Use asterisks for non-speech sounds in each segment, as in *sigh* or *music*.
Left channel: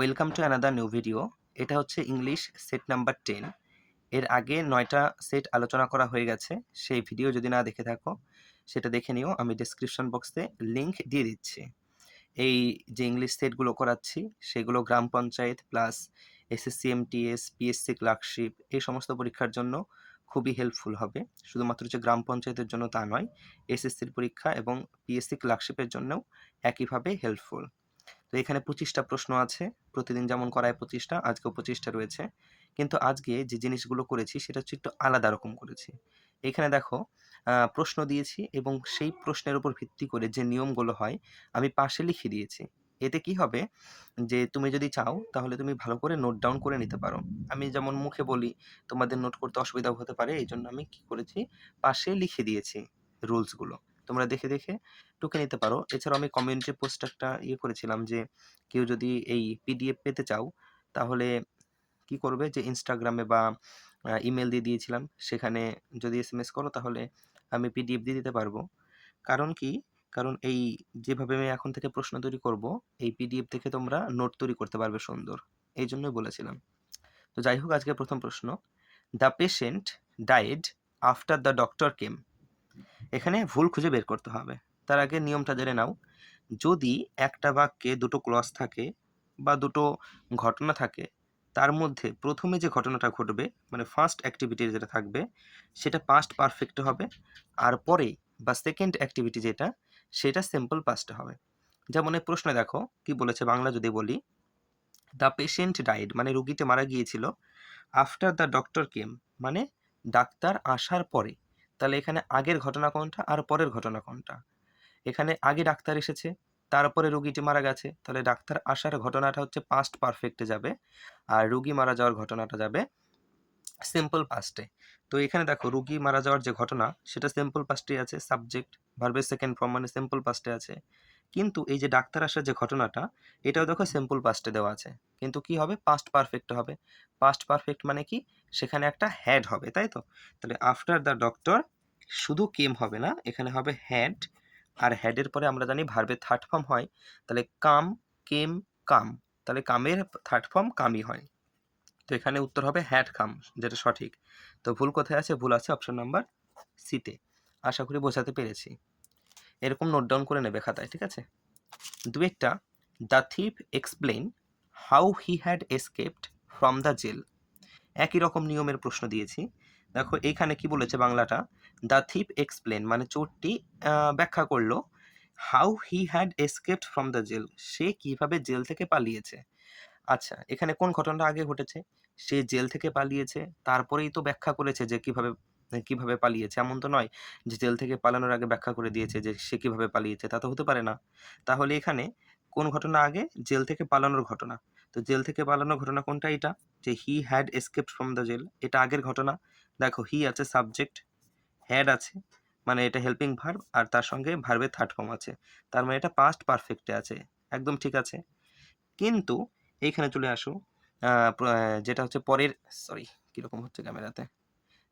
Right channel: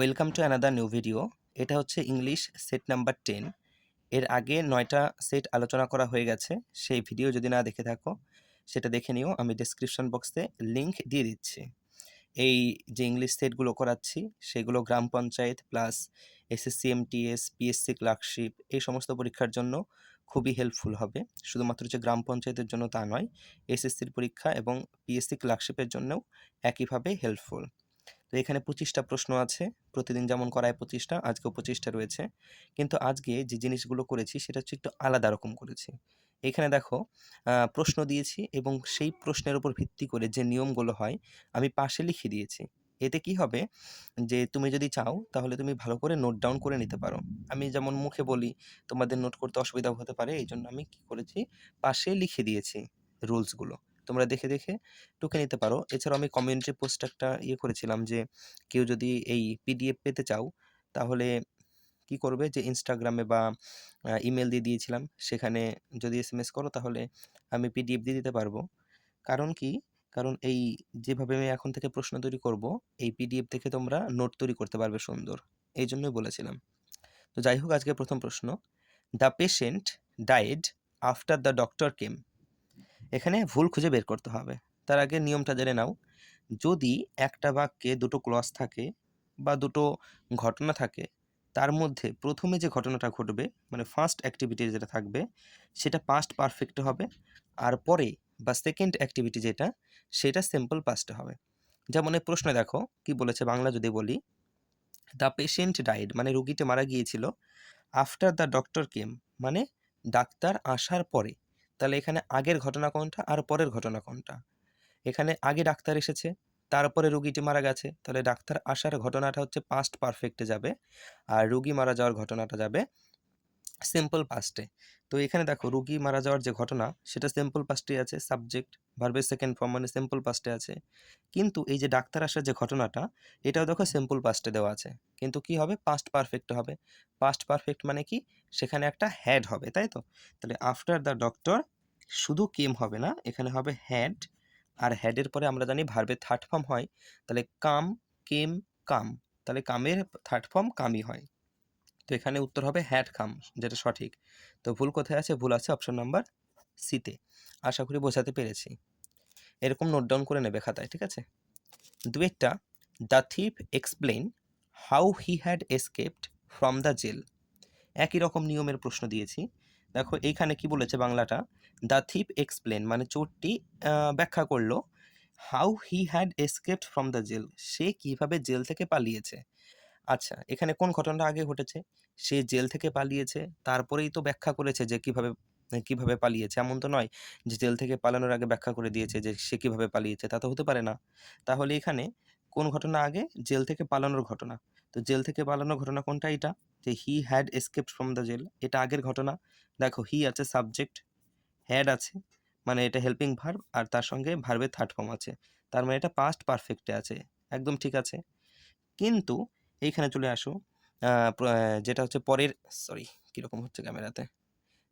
Welcome to another new video এটা হচ্ছে English set number ten এর আগে নয়টা সেট আলোচনা করা হয়ে গেছে। সেই ভিডিও যদি না দেখে থাকো, সেটা দেখে নিও। আমি ডিসক্রিপশন বক্সে লিংক দিয়ে দিচ্ছি। এই যে ইংলিশ সেটগুলো করাচ্ছি, সেগুলো Gram Panchayat plus SSC MTS PSC clerkship এই সমস্ত পরীক্ষার জন্য খুবই হেল্পফুল হবে। শুধুমাত্র যে গ্রাম পঞ্চায়েতের জন্য তা নয় এসএসসির পরীক্ষা এবং পিএসসি ক্লার্কশিপের জন্যও একইভাবে হেল্পফুল তো এখানে পঁচিশটা প্রশ্ন আছে। প্রতিদিন যেমন করায় পঁচিশটা, আজকেও পঁচিশটা রয়েছে। কিন্তু আজকে যে জিনিসগুলো করেছি, সেটা হচ্ছে একটু আলাদা রকম করেছি। এখানে দেখো প্রশ্ন দিয়েছি এবং সেই প্রশ্নের উপর ভিত্তি করে যে নিয়মগুলো হয়, আমি পাশে লিখে দিয়েছি। এতে কি হবে? যে তুমি যদি চাও, তাহলে তুমি ভালো করে নোট ডাউন করে নিতে পারো। আমি যেমন মুখে বলি, তোমাদের নোট করতে অসুবিধা হতে পারে এই জন্য আমি কি করেছি? পাশে লিখে দিয়েছি রুলসগুলো তোমরা দেখে দেখে টুকে নিতে পারো। এছাড়াও আমি কমিউনিটি পোস্ট একটা ইয়ে করেছিলাম যে, কেউ যদি এই পিডিএফ পেতে চাও, তাহলে কি করবে? যে ইনস্টাগ্রামে বা ইমেল দিয়ে দিয়েছিলাম। সেখানে যদি এস এম এস করো, তাহলে আমি পিডিএফ দিয়ে দিতে পারব। কারণ কি? কারণ এই যেভাবে আমি এখন থেকে প্রশ্ন তৈরি করব, এই পিডিএফ থেকে তোমরা নোট তৈরি করতে পারবে সুন্দর। এই জন্যই বলেছিলাম। তো যাই হোক, আজকে প্রথম প্রশ্ন। The patient died after the doctor came এখানে ভুল খুঁজে বের করতে হবে। তার আগে নিয়মটা জেনে নাও। যদি একটা বাক্যে দুটো ক্লজ থাকে বা দুটো ঘটনা থাকে, তার মধ্যে প্রথমে যে ঘটনাটা ঘটবে মানে ফার্স্ট অ্যাক্টিভিটি যেটা থাকবে, সেটা পাস্ট পারফেক্ট হবে। আর পরে বা সেকেন্ড অ্যাক্টিভিটি যেটা, সেটা সিম্পল পাস্টে হবে। যেমন এই প্রশ্নে দেখো, কি বলেছে বাংলা যদি বলি দ্য পেশেন্ট ডাইড মানে রুগীতে মারা গিয়েছিল। আফটার দ্য ডক্টর কেম মানে ডাক্তার আসার পরে তাহলে এখানে আগের ঘটনা কোনটা আর পরের ঘটনা কোনটা? এখানে আগে ডাক্তার এসেছে, তারপরে রুগীটি মারা গেছে, তাহলে ডাক্তার আসার ঘটনাটা হচ্ছে পাস্ট পারফেক্টে যাবে, আর রুগী মারা যাওয়ার ঘটনাটা যাবে সিম্পল পাস্টে তো এখানে দেখো, রুগী মারা যাওয়ার যে ঘটনা, সেটা সিম্পল পাস্টে আছে সাবজেক্ট ভার্বের সেকেন্ড ফর্ম মানে সিম্পল পাস্টে আছে। কিন্তু এই যে ডাক্তার আসার যে ঘটনাটা, এটাও দেখো সিম্পল পাস্টে দেওয়া আছে। কিন্তু কি হবে? পাস্ট পারফেক্ট হবে। পাস্ট পারফেক্ট মানে কি? সেখানে একটা হ্যাড হবে, তাই তো? তাহলে আফটার দ্য ডক্টর শুধু কেম হবে না, এখানে হবে হ্যাড আর হ্যাডের পরে আমরা জানি ভার্বের থার্ড ফর্ম হয়, তাহলে কাম কেম কাম, তাহলে কামের থার্ড ফর্ম কামই হয়। তো এখানে উত্তর হবে হ্যাড কাম যেটা সঠিক। তো ভুল কোথায় আছে? ভুল আছে অপশন নাম্বার সিতে আশা করি বোঝাতে পেরেছি। এরকম নোট ডাউন করে নেবে খাতায়, ঠিক আছে? দুয়েরটা the thief explain how he had escaped from the jail একই রকম নিয়মের প্রশ্ন দিয়েছি। দেখো, এইখানে কি বলেছে বাংলাটা? দ্য থিপ এক্সপ্লেন মানে চোরটি ব্যাখ্যা করল, how he had escaped from the jail সে কীভাবে জেল থেকে পালিয়েছে? আচ্ছা এখানে কোন ঘটনাটা আগে ঘটেছে? সে জেল থেকে পালিয়েছে, তারপরেই তো ব্যাখ্যা করেছে যে কীভাবে কীভাবে পালিয়েছে। এমন তো নয় যে জেল থেকে পালানোর আগে ব্যাখ্যা করে দিয়েছে যে সে কীভাবে পালিয়েছে, তা তো হতে পারে না। তাহলে এখানে কোন ঘটনা আগে? জেল থেকে পালানোর ঘটনা। তো জেল থেকে পালানোর ঘটনা কোনটা এটা যে he had escaped from the jail এটা আগের ঘটনা। দেখো হি আছে সাবজেক্ট হ্যাড আছে মানে এটা হেল্পিং ভার্ব আর তার সঙ্গে ভার্বের থার্ড ফর্ম আছে। তার মানে এটা পাস্ট পারফেক্টে আছে, একদম ঠিক আছে। কিন্তু, এইখানে চলে আসো যেটা হচ্ছে পরের সরি কীরকম হচ্ছে ক্যামেরাতে?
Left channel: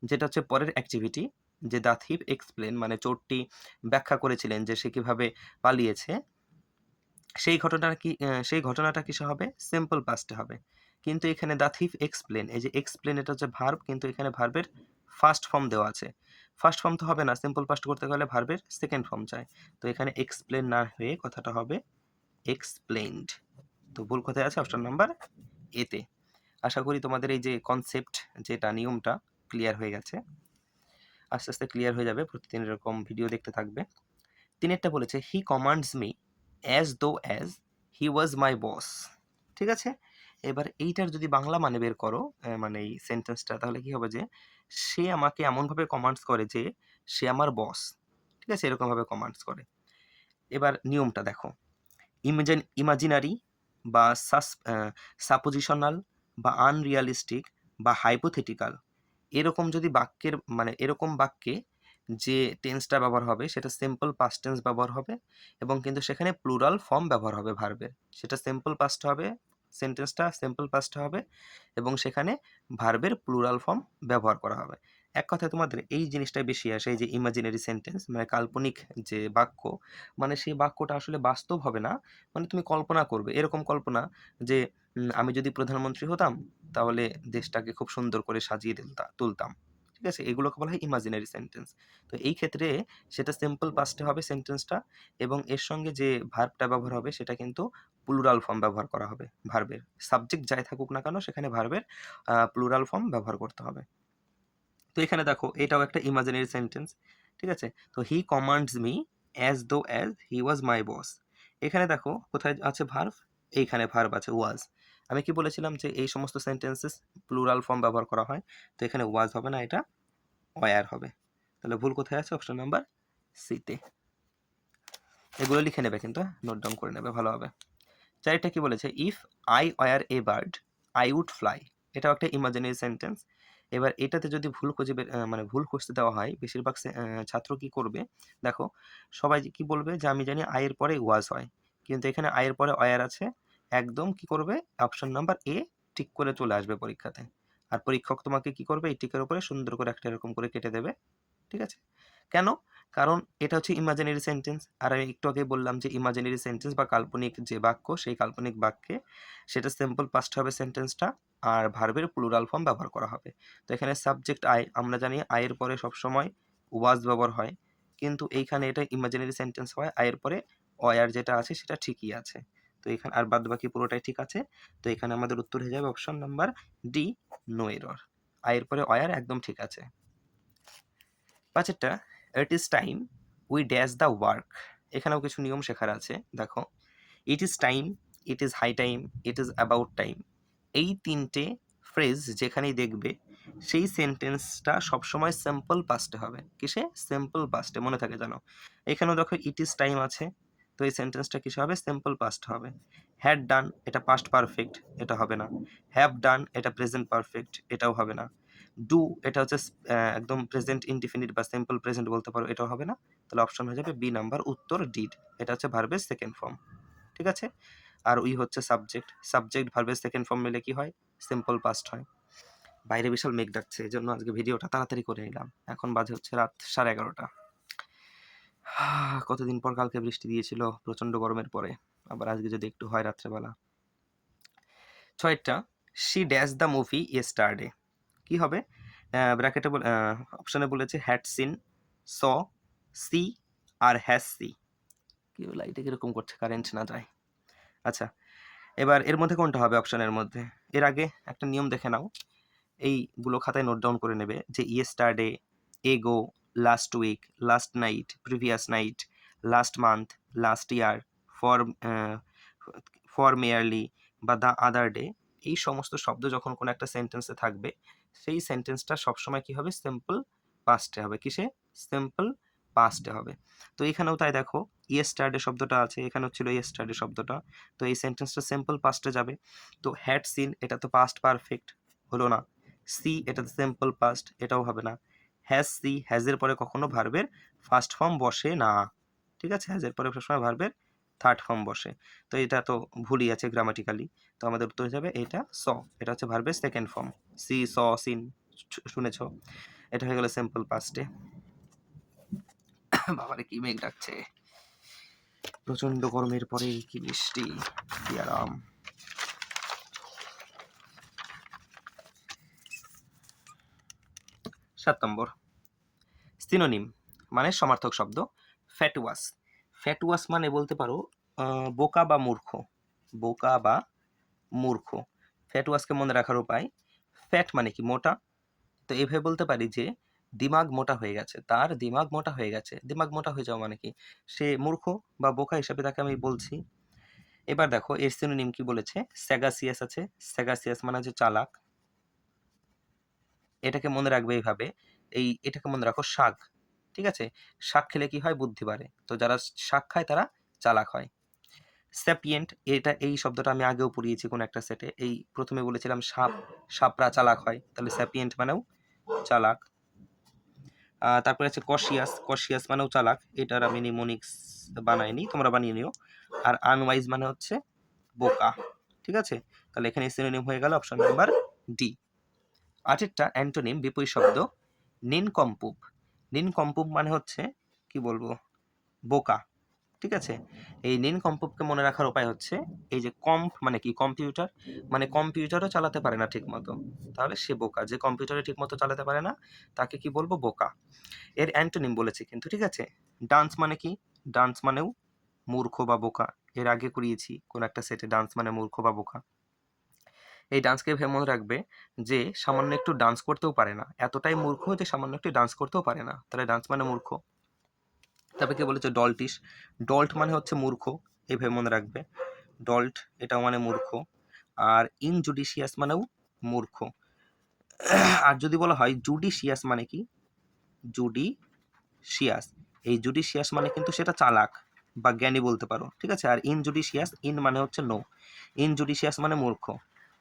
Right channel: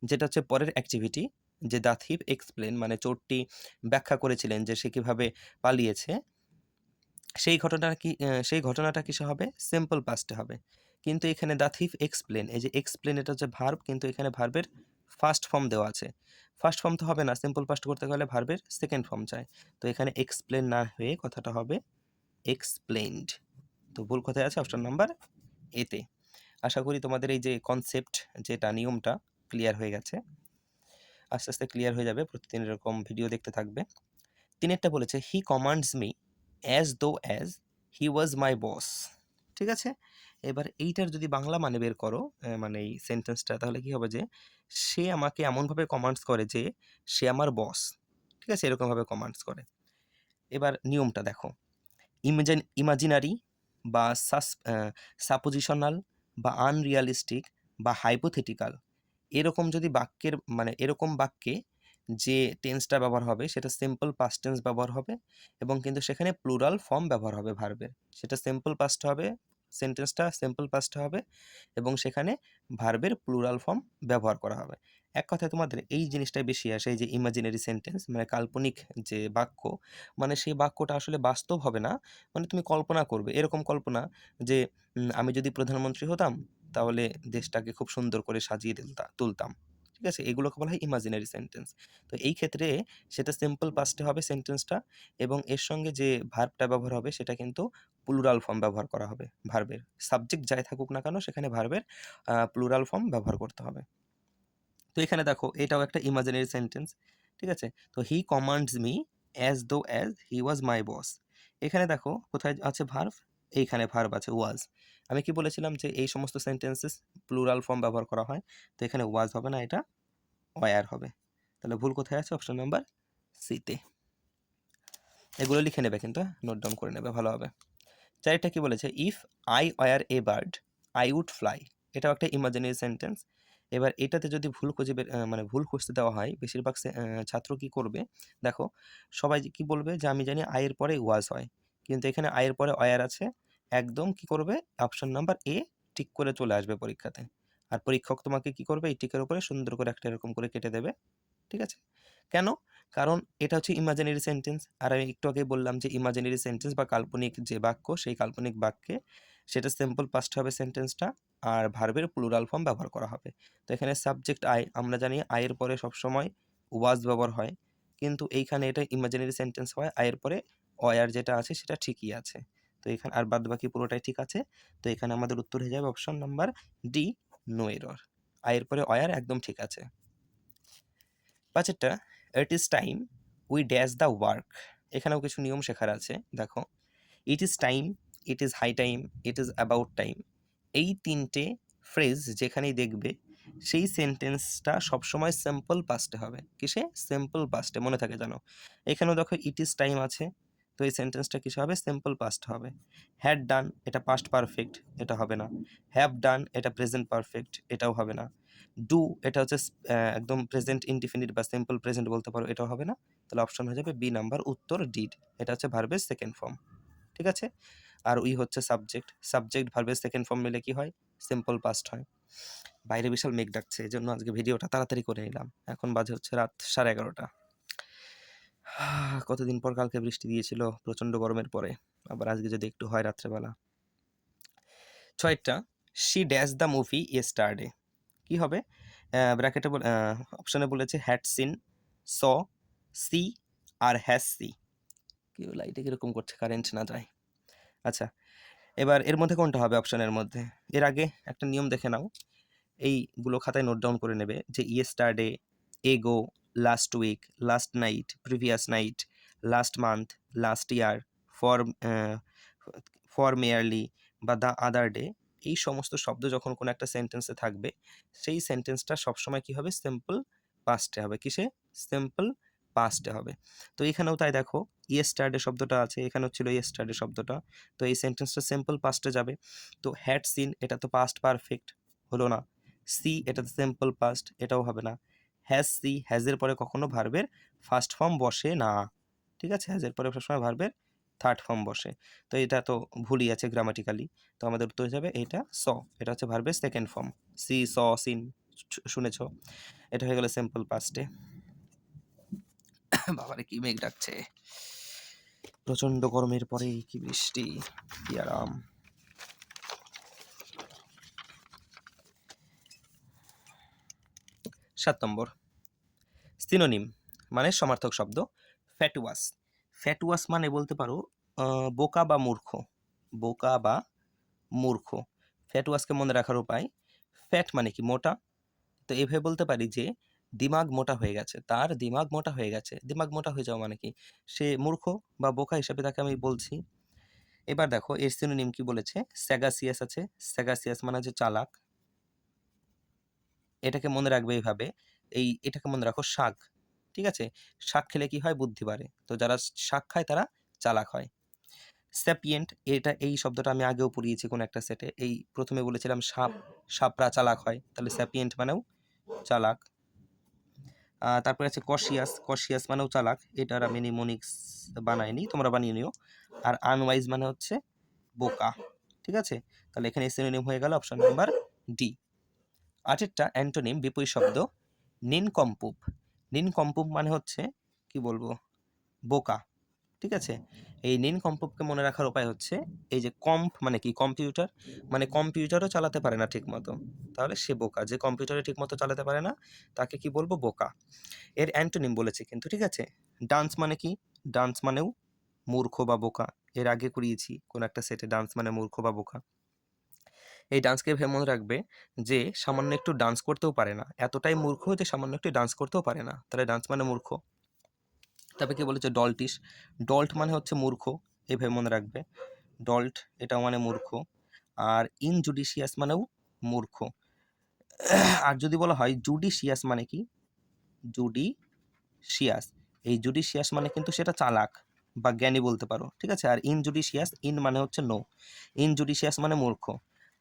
যেটা হচ্ছে পরের অ্যাক্টিভিটি যে দ্য থিপ এক্সপ্লেন মানে চোরটি ব্যাখ্যা করেছিলেন যে সে কীভাবে পালিয়েছে, সেই ঘটনাটা কি সেই ঘটনাটা কিসে হবে? সিম্পল পাস্টে হবে। কিন্তু এখানে দ্য থিফ এক্সপ্লেন এই যে এক্সপ্লেন এটা হচ্ছে ভার্ব কিন্তু এখানে ভার্বের ফার্স্ট ফর্ম দেওয়া আছে। ফার্স্ট ফর্ম তো হবে না সিম্পল ফার্স্ট করতে গেলে ভার্বের সেকেন্ড ফর্ম চাই। তো এখানে এক্সপ্লেন না হয়ে কথাটা হবে এক্সপ্লেনড তো ভুল কোথায় আছে? অপশন নাম্বার এতে আশা করি তোমাদের এই যে কনসেপ্ট যেটা, নিয়মটা ক্লিয়ার হয়ে গেছে। আস্তে আস্তে ক্লিয়ার হয়ে যাবে, প্রতিদিন এরকম ভিডিও দেখতে থাকবে। তিনি একটা বলেছে he commands me as though as he was my boss ঠিক আছে? এবার এইটার যদি বাংলা মানে বের করো মানে এই সেন্টেন্সটা তাহলে কি হবে যে, সে আমাকে এমনভাবে কমান্ডস করে যে, সে আমার বস ঠিক আছে? এরকমভাবে কমান্ডস করে। এবার নিয়মটা দেখো। ইমাজিন ইমাজিনারি বা সাস সাপোজিশনাল বা আনরিয়ালিস্টিক বা হাইপোথেটিক্যাল এরকম যদি বাক্যের মানে এরকম বাক্যে যে টেন্সটা ব্যবহার হবে, সেটা সিম্পল পাস্ট টেন্স ব্যবহার হবে এবং কিন্তু সেখানে প্লুরাল ফর্ম ব্যবহার হবে ভার্বের সেটা সিম্পল পাস্ট হবে সেন্টেন্সটা সিম্পল পাস্ট হবে এবং সেখানে ভার্বের প্লুরাল ফর্ম ব্যবহার করা হবে। এক কথায় তোমাদের এই জিনিসটাই বেশি আসে যে ইমাজিনারি সেন্টেন্স মানে কাল্পনিক যে বাক্য মানে সেই বাক্যটা আসলে বাস্তব হবে না মানে তুমি কল্পনা করবে। এরকম কল্পনা যে আমি যদি প্রধানমন্ত্রী হতাম, তাহলে দেশটাকে খুব সুন্দর করে সাজিয়ে তুলতা- তুলতাম। ঠিক আছে? এগুলোকে বলা হয় ইমাজিনারি সেন্টেন্স তো এই ক্ষেত্রে সেটা সিম্পল পাস্টে হবে সেন্টেন্সটা এবং এর সঙ্গে যে ভার্বটা ব্যবহার হবে, সেটা কিন্তু প্লুরাল ফর্ম ব্যবহার করা হবে ভার্বের সাবজেক্ট যাই থাকুক না কেন, সেখানে ভার্বের প্লুরাল ফর্ম ব্যবহার করতে হবে। তো এখানে দেখো, এটাও একটা ইমাজিনারি সেন্টেন্স ঠিক আছে? তো he commands me as though as he was my boss এখানে দেখো, কোথায় আছে ভার্ভ এইখানে ভার্ভ আছে ওয়াজ আমি কি বলেছিলাম যে এই সমস্ত সেন্টেন্সেস প্লুরাল ফর্ম ব্যবহার করা হয়? তো এখানে ওয়াজ হবে না, এটা ওয়ার হবে। তাহলে ভুল কোথায় আছে? অপশন নাম্বার সিতে এগুলো লিখে নেবে কিন্তু নোট ডাউন করে নেবে, ভালো হবে। চারটা কি বলেছে? If I were a bird I would fly এটাও একটা ইমাজিনারি সেন্টেন্স এবার এটাতে যদি ভুল খুঁজে মানে ভুল খুঁজতে দেওয়া হয়, বেশিরভাগ ছাত্র কি করবে? দেখো, সবাই কি বলবে যে, আমি জানি আয়ের পরে ওয়াজ হয়। কিন্তু এখানে আয়ের পরে অয়ার আছে। একদম কি করবে? অপশন নাম্বার এ ঠিক করে চলে আসবে পরীক্ষাতে। আর পরীক্ষক তোমাকে কি করবে? এই টিকের উপরে সুন্দর করে একটা এরকম করে কেটে দেবে। ঠিক আছে? কেন? কারণ এটা হচ্ছে ইমাজিনারি সেন্টেন্স আর আমি একটু আগে বললাম যে ইমাজিনারি সেন্টেন্স বা কাল্পনিক যে বাক্য, সেই কাল্পনিক বাক্যে সেটা সিম্পল পাস্ট হবে সেন্টেন্সটা আর ভার্বের প্লুরাল ফর্ম ব্যবহার করা হবে। তো এখানে সাবজেক্ট আই আমরা জানি আয়ের পরে সবসময় ওয়াজ ব্যবহার হয়, কিন্তু এইখানে এটা ইমাজিনারি সেন্টেন্স হয় আয়ের পরে অয়ার যেটা আছে সেটা ঠিকই আছে। তো এখানে আর বাদ বাকি পুরোটাই ঠিক আছে। তো এখানে আমাদের উত্তর হয়ে যাবে option number D no error আয়ের পরে অয়ার একদম ঠিক আছে। পাঁচেরটা it is time we dash the work এখানেও কিছু নিয়ম শেখার আছে, দেখো। It is time it is high time it is about time এই তিনটে ফ্রেজ যেখানেই দেখবে, সেই সেন্টেন্সটা সবসময় সিম্পল পাস্টে হবে। কিসে? সিম্পল পাস্টে মনে থাকে জানো এখানেও দেখো ইট ইজ টাইম আছে। তো এই সেন্টেন্সটা কিসে হবে? সিম্পল পাস্ট হবে। হ্যাড ডান এটা পাস্ট পারফেক্ট এটা হবে না। হ্যাভ ডান এটা প্রেজেন্ট পারফেক্ট এটাও হবে না। ডু এটা হচ্ছে একদম প্রেজেন্ট ইনডিফিনিট বা সিম্পল প্রেজেন্ট বলতে পারো, এটা হবে না। তাহলে অপশন হয়ে যাবে বি নাম্বার উত্তর ডিড এটা হচ্ছে ভার্বের সেকেন্ড ফর্ম ঠিক আছে? আর উই হচ্ছে সাবজেক্ট সাবজেক্ট ভার্বের সেকেন্ড ফর্ম মিলে কি হয়? সিম্পল পাস্ট হয়। বাইরে বিশাল মেঘ ডাকছে এই জন্য আজকে ভিডিওটা তাড়াতাড়ি করে নিলাম। এখন বাজে হচ্ছে রাত সাড়ে এগারোটা। কতদিন পর কালকে বৃষ্টি দিয়েছিল? প্রচণ্ড গরমের পরে। আবার আজকে যদি একটু হয় রাত্রেবেলা। ছয়টা শি ড্যাশ দ্য মুভি ইয়ে ইয়েস্টারডে কি হবে? ব্র্যাকেটে অপশানে বলেছে হ্যাড সিন স সি আর হ্যাজ সি কি লাইটে কীরকম করছে? কারেন্ট না যায়। আচ্ছা এবার এর মধ্যে কোনটা হবে অপশানের মধ্যে? এর আগে একটা নিয়ম দেখে নাও। এইগুলো খাতায় নোট ডাউন করে নেবে যে yesterday ago last week last night previous night last month last year for for merely বা দ্য আদার ডে এই সমস্ত শব্দ যখন কোনো একটা সেন্টেন্সে থাকবে, সেই সেন্টেন্সটা সবসময় কি হবে? সিম্পল পাস্টে হবে। কিসে? সিম্পল পাস্টে হবে। তো এখানেও তাই দেখো ইয়েস্টারডে শব্দটা আছে, এখানেও ছিল ইয়েস্টারডে শব্দটা। তো এই সেন্টেন্সটা সিম্পল পাস্টে যাবে। তো হ্যাড সিন এটা তো পাস্ট পারফেক্ট হলো না। সি এটা তো সিম্পল পাস্ট এটাও হবে না। হ্যাজ সি হ্যাজের পরে কখনো ভার্বের ফার্স্ট ফর্ম বসে না। ঠিক আছে? হ্যাজের পরে সবসময় ভার্বের থার্ড ফর্ম বসে। তো এটা তো ভুলই আছে গ্রামাটিক্যালি তো আমাদের উত্তর হয়ে যাবে এটা স। এটা হচ্ছে ভার্বের second form see, saw, seen শুনেছ? এটা হয়ে গেল সিম্পল পাস্টে বাবারে, কি মেঘ ডাকছে। প্রচণ্ড গরমের পরে কি বৃষ্টি, কি আরাম। সাত নম্বর। সিনোনিম মানে সমার্থক শব্দ ফ্যাটুয়াস ফ্যাটুয়াস মানে বলতে পারো বোকা বা মূর্খ। বোকা বা মূর্খ। ফ্যাটুয়াসকে মনে রাখার উপায় ফ্যাট মানে কি? মোটা। তো এইভাবে বলতে পারি যে, দিমাগ মোটা হয়ে গেছে। তার দিমাগ মোটা হয়ে গেছে। দিমাগ মোটা হয়ে যাওয়া মানে কি? সে মূর্খ বা বোকা হিসাবে তাকে আমি বলছি। এবার দেখো, এর সিনোনিম কি বলেছে? স্যাগাসিয়াস আছে। স্যাগাসিয়াস মানে হচ্ছে চালাক। এটাকে মনে রাখবে এইভাবে। এই, এটাকে মনে রাখো শাক। ঠিক আছে? শাক খেলে কি হয়? বুদ্ধি বাড়ে। তো যারা শাক খায়, তারা চালাক হয়। স্যাপিয়েন্ট এটা এই শব্দটা আমি আগেও পড়িয়েছি কোন একটা সেটে এই প্রথমে বলেছিলাম সাপ, সাপরা চালাক হয়। তাহলে স্যাপিয়েন্ট মানেও চালাক। তারপরে আছে কশিয়াস কশিয়াস মানেও চালাক। এটার আমি নিমোনিক্স বানাইনি, তোমরা বানিয়ে নিও। আর আনওয়াইজ মানে হচ্ছে বোকা, ঠিক আছে? তাহলে এখানে সিনোনিম হয়ে গেল অপশন নাম্বার ডি আটেরটা অ্যান্টোনিম, বিপরীত শব্দ, নিনকম্পুপ। নিনকম্পুপ মানে হচ্ছে, কি বলব, বোকা, ঠিক আছে? এই নিনকম্পুপকে মনে রাখার উপায় হচ্ছে, এই যে কম্প মানে কি? কম্পিউটার মানে কম্পিউটারও চালাতে পারে না ঠিকমতো। তাহলে সে বোকা, যে কম্পিউটারে ঠিকমতো চালাতে পারে না, তাকে কি বলব? বোকা। এর অ্যান্টোনিম বলেছে কিন্তু, ঠিক আছে? ডান্স মানে কি? ডান্স মানেও মূর্খ বা বোকা। এর আগে করিয়েছি কোন একটা সেটে ডান্স মানে মূর্খ বা বোকা। এই ডান্সকে ভেবে মনে রাখবে যে, সামান্য একটু ডান্স করতেও পারে না। এতটাই মূর্খ যে, সামান্য একটু ডান্স করতেও পারে না। তাহলে ডান্স মানে মূর্খ। তারপরে কে বলেছে? ডল্টিস ডল্ট মানে হচ্ছে মূর্খ এভাবে মনে রাখবে। ডল্ট এটাও মানে মূর্খ। আর ইনজুডিশিয়াস মানেও মূর্খ। আর যদি বলা হয় জুডিশিয়াস মানে কি? জুডিশিয়াস এই জুডিশিয়াস মানে কিন্তু সেটা চালাক বা জ্ঞানী বলতে পারো। ঠিক আছে? আর ইনজুডিশিয়াস ইন মানে হচ্ছে নো ইনজুডিশিয়াস মানে মূর্খ।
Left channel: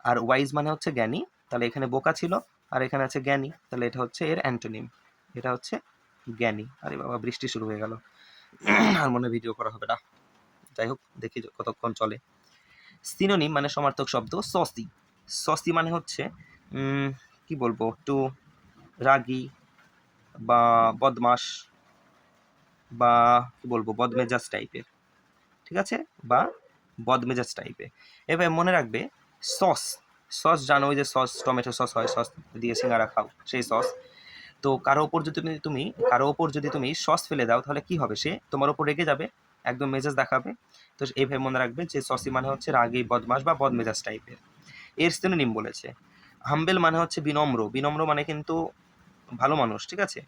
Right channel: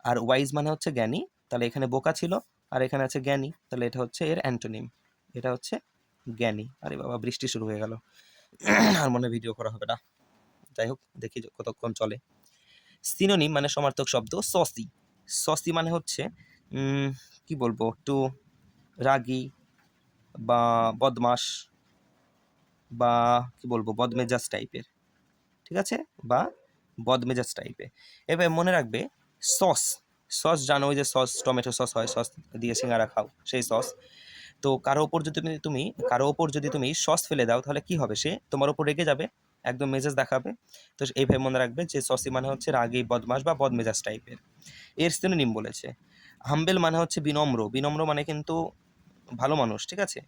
আর ওয়াইজ মানে হচ্ছে জ্ঞানী, তাহলে এখানে বোকা ছিল, আর এখানে আছে জ্ঞানী, তাহলে এটা হচ্ছে এর অ্যান্টোনিম। এটা হচ্ছে জ্ঞানী। আরে বাবা, বৃষ্টি শুরু হয়ে গেল। আর মনে ভিডিও করা হবে না। যাই হোক, দেখি কতক্ষণ চলে। সিনোনিম মানে সমার্থক শব্দ, সসি। সসি মানে হচ্ছে কি বলব, একটু রাগি বা বদমাস বা কি বলব, বদমেজাজ টাইপের ঠিক আছে? বা বদমেজাজ টাইপের এবার মনে রাখবে সস সস জানো যে সস, টমেটো সস হয়, সস দিয়ে সিঙ্গারা খাও, সেই সস। তো কারও ওপর যদি তুমি কারও ওপর যদি তুমি সস ফেলে দাও, তাহলে কি হবে? সে তোমার ওপর রেগে যাবে, একদম মেজাজ দেখাবে। তো এইভাবে মনে রাখবে যে সসি মানে হচ্ছে রাগী বদমাস বা বদমেজাজ টাইপের। এর সিনোনিম বলেছে। হাম্বেল মানে হচ্ছে বিনম্র। বিনম্র মানে কিন্তু ভালো মানুষ, ঠিক আছে?